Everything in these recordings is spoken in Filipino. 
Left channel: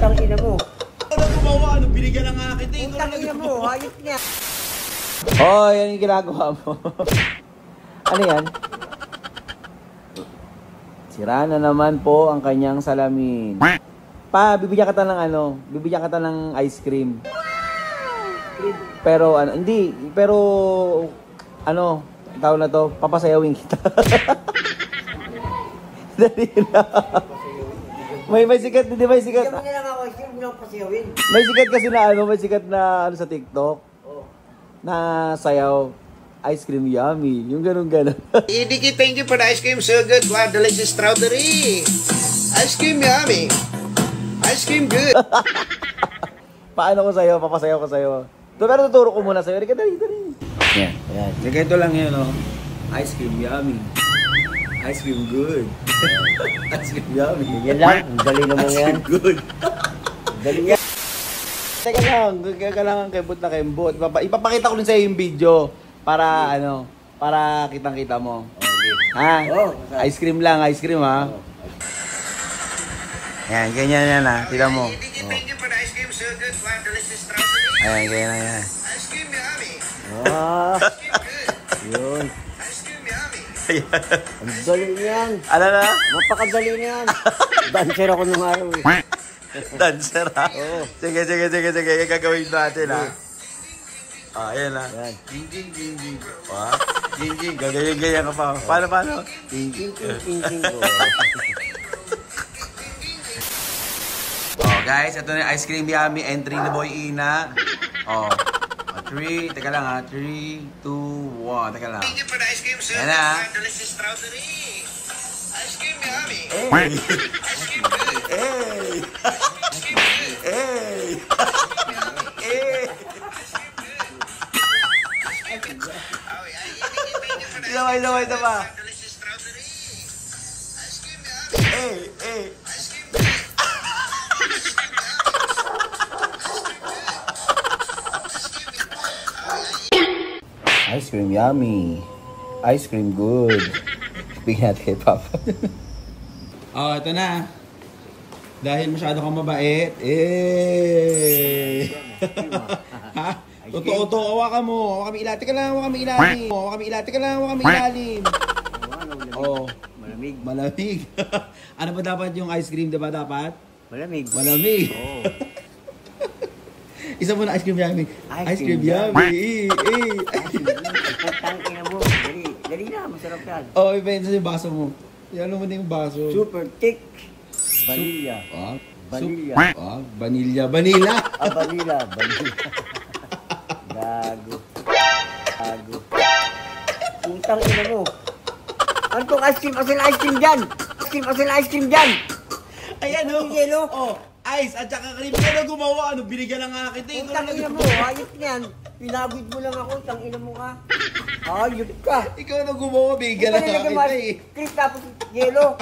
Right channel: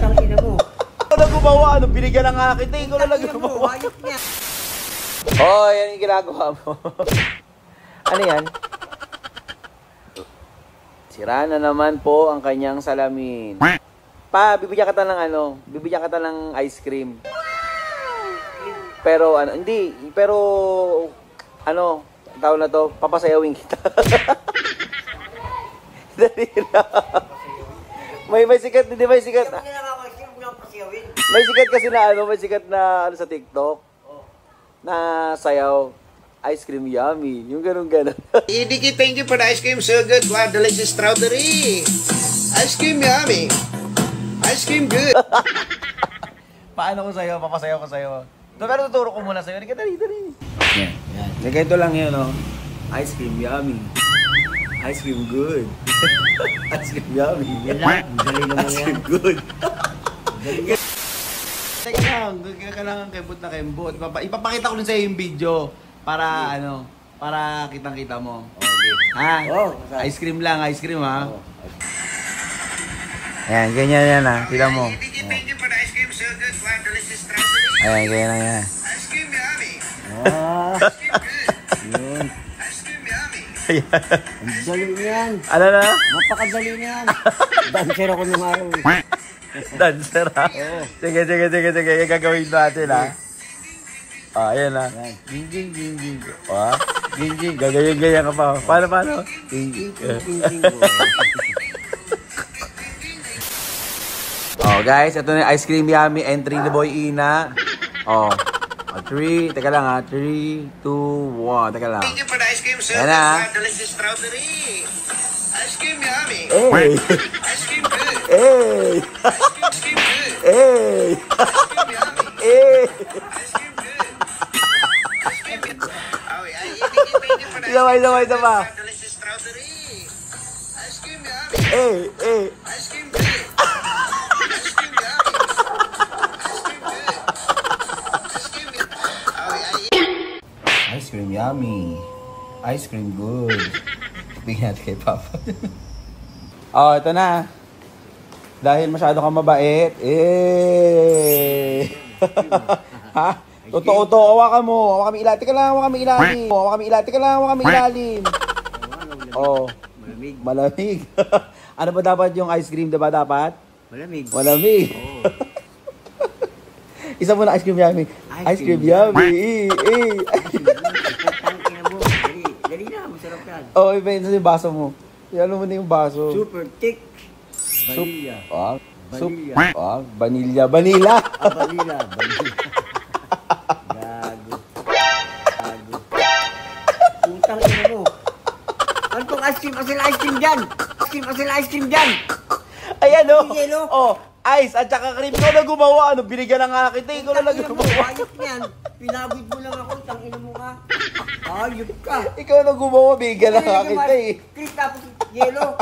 Tangina mo. Ano gumawa? Ano? Binigyan lang nga kita. Ikaw na lang mo. Hayop niya. Oh, yan yung ginagawa mo. Ano yan? Sira na naman po ang kanyang salamin. Pa, bibigyan kita ng ano? Bibigyan kita ng ice cream. Pero ano, hindi. Pero ano, tawag na to, papasayawin kita. Dali na. May sikat, di ba may sikat? Bigyan mo na lang ako, sure mo lang pasayawin. May sikat kasi na ano, may sikat na ano sa TikTok. Na sayaw. Ice cream yummy. Yung ganun-ganun. Idiki, thank you for the ice cream. So good. Wow, delicious strawberry. Ice cream yummy. Ice cream good. Paano ko sa'yo? Papasayaw ko sa'yo. Pero tuturo ko muna sa'yo. Dali. Yan. Yan. Ganito lang yun, no? Ice cream yummy. Ice cream good. Ice cream yummy. Yan lang. Ang dali naman Ice yan. cream good. Dali yan. Teka lang. Kailangan kembot na kembot. Ipapakita ko din sa'yo yung video. Para ano, para kitang-kita mo. Ha? Ice cream lang, ice cream ha. Ayan, ganyan yan ha. Tignan mo. Ayan, ganyan lang yan. Yun. Ang dali niyan. Ano na? Napakadali niyan. Dancer ako nung araw eh. Dancer ha? Sige. Gagawin natin ha. Ayan ha. Ging. Ging. Gagayin ka pa. Paano? Ging. Oh guys, ito na yung ice cream yummy entry ni Boy Ina. Oh. 3, teka lang ha. 3, 2, 1. Teka lang. Ayan na. Isa pa. Ice cream yummy. Ice cream good. Bigyan natin kay Papa. Oh, ito na. Dahil masyado kang mabait. Ha? Totoo, hawakan mo. Hawakan mo ilalim. Teka lang, hawakan mo ilalim. Oh. Malamig. Ano ba dapat yung ice cream? Diba dapat? Malamig. Oh. Isa muna ice cream yummy. Ice cream yummy. Tangina mo. Dali na, masarap yan. Oh, iba yung baso mo. Yan mo na yung baso. Super thick. Vanilla. Vanilla. Vanilla. Gago. Putang ina mo. Ano tong ice cream? Asin ice cream dyan. Ayan o. Yelo. Oh, ice at saka cream. Ikaw na gumawa. Ano, binigyan na nga kita. Ikaw na lang mo. Hayop niyan. Pinagod mo lang ako. Tangina mo ka. Hayop ka. Ikaw na gumawa. Binigyan na nga kita eh. Cream tapos yelo.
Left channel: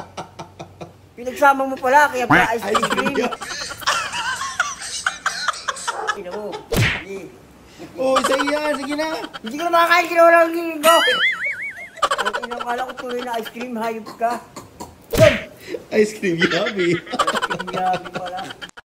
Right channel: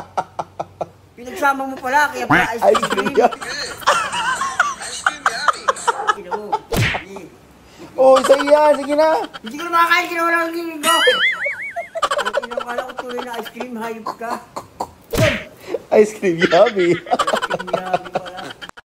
Pinagsama mo pala. Kaya pala ice cream. Tangina mo. Oh, isa yan. Sige na. Hindi ko na makakain. Ginawa lang yung linggo. Ang inakala ko tuloy na ice cream. Hayop ka. Ice cream yummy. Ice cream yummy pala.